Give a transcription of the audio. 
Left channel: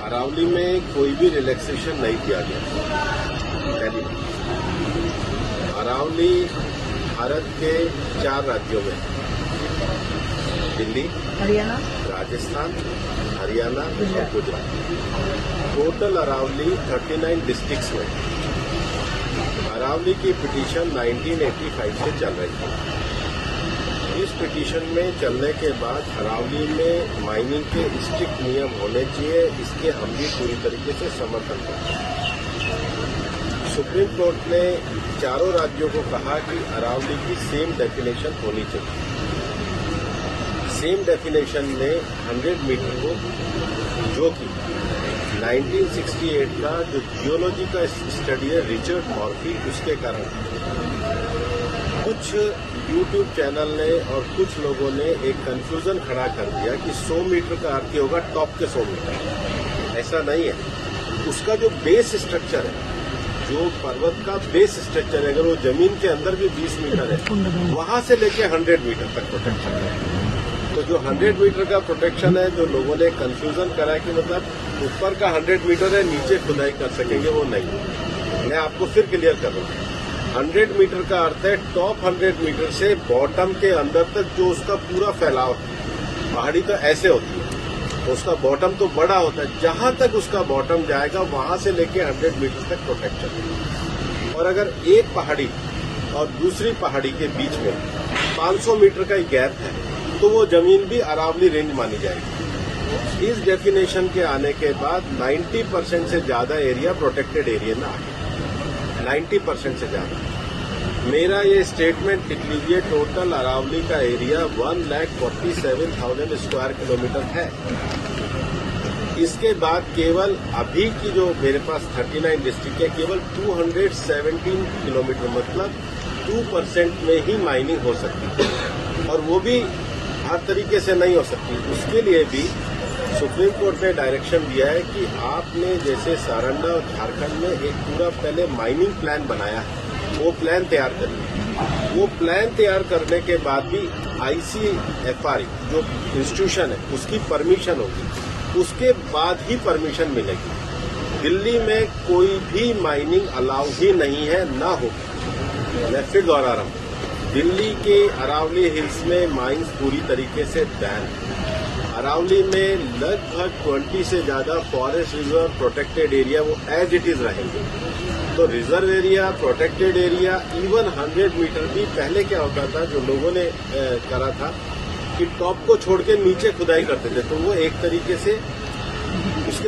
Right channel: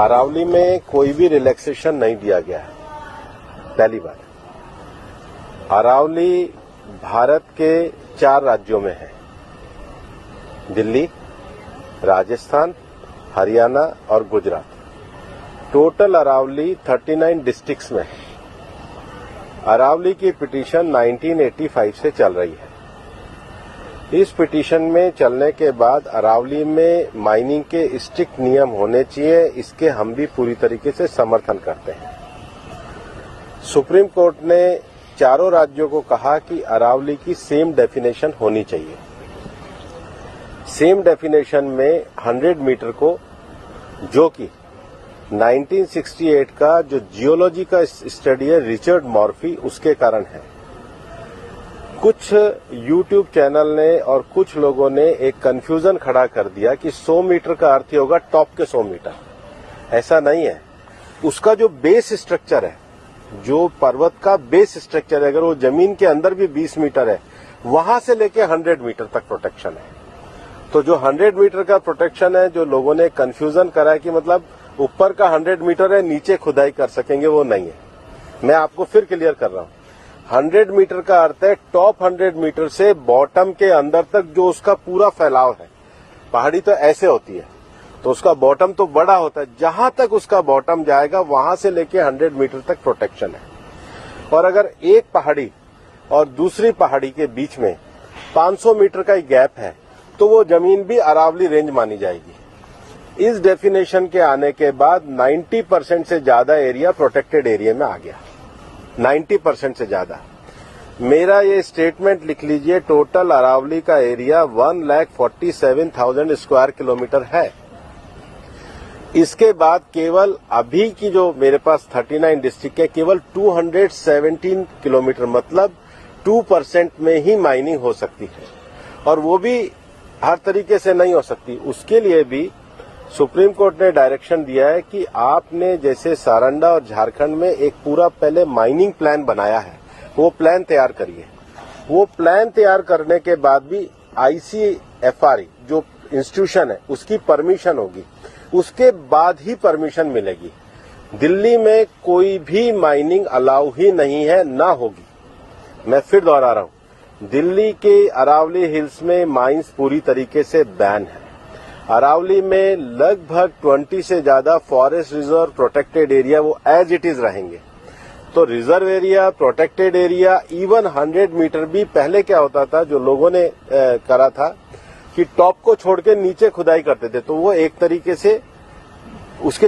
अरावली में कोई भी रिलैक्सेशन नहीं दिया गया है। पहली बात, अरावली भारत के 4 राज्यों में है, दिल्ली, हरियाणा, राजस्थान, हरियाणा और गुजरात। टोटल अरावली 39 डिस्ट्रिक्ट्स में है। अरावली की पिटीशन 1985 से चल रही है। इस पिटीशन में चलने के बाद अरावली में माइनिंग के स्ट्रिक्ट नियम होने चाहिए, इसके हम भी पूरी तरीके से समर्थन करते हैं। सुप्रीम कोर्ट ने चारों राज्यों को कहा कि अरावली की सेम डेफिनेशन होनी चाहिए। सेम डेफिनेशन में 100 मीटर को, जो कि 1968 का जो जियोलॉजी का स्टडी है रिचर्ड मॉर्फी, उसके कारण है। कुछ यूट्यूब चैनल ने और कुछ लोगों ने एक कंफ्यूजन खड़ा कर दिया कि 100 मीटर का अर्थ होगा टॉप के 100 मीटर। ऐसा नहीं है। उसका जो बेस स्ट्रक्चर है, जो पर्वत का बेस स्ट्रक्चर है, अगर वो जमीन के अंदर भी 20 मीटर है, वहां से लेके 100 मीटर तक प्रोटेक्शन है। तो जो 100 मीटर का प्रोटेक्शन है, जो लोगों ने कंफ्यूजन करा है कि मतलब ऊपर का 100 मीटर है, नीचे खुदाई कर सकेंगे, वो नहीं है। मैं आपको फिर क्लियर कर रहा हूं। 100 मीटर का अर्थ है टॉप 100 मीटर से बॉटम के अंदर तक जो उसका पूरा फैलाव है। पहाड़ी तो ऐसे होती है, तो उसका बॉटम तो बड़ा होता है, जहां तक उसका बॉटम जाएगा वहां से लेके 100 मीटर तक प्रोटेक्शन है। और अगर एक पहाड़ी और दूसरी पहाड़ी के बीच में 500 मीटर का गैप है, तो वो जमीन भी अरावली रेंज मानी जाएगी। इस डेफिनेशन के आने के बाद 90% से ज्यादा एरिया प्रोटेक्टेड एरिया में आ गया। 90% से ज्यादा। मेरा ये स्टेटमेंट लिख लीजिए, टोटल अरावली का एरिया 1,47,000 स्क्वायर किलोमीटर है। इसके बाद केवल अभी की जो मेरे पास 39 डिस्ट्रिक्ट है, केवल 217 किलोमीटर, मतलब 2% में ही माइनिंग हो सकती है, और वो भी हर तरीके से नहीं हो सकती। उसके लिए भी सुप्रीम कोर्ट ने डायरेक्शन दिया है कि आपने जैसे सारंडा और झारखंड में एक पूरा पहले माइनिंग प्लान बनाया है, वो प्लान तैयार करिए। वो प्लान तैयार करने के बाद भी ICFR जो इंस्टीट्यूशन है उसकी परमिशन होगी, उसके बाद ही परमिशन मिलेगी। दिल्ली में कोई भी माइनिंग अलाउ ही नहीं है, ना होगी। मैं फिर दोहरा रहा हूं, दिल्ली के अरावली हिल्स में माइंस पूरी तरीके से बैन है। अरावली में लगभग 20 से ज्यादा फॉरेस्ट रिजर्व प्रोटेक्टेड एरिया वो एज इट इज रहेंगे। तो reserve area, protected area, even 100 metre भी पहले क्या होता था, जो लोगों ने करा था कि टॉप को छोड़ के नीचे खुदाई करते थे, तो वो एक तरीके से उसके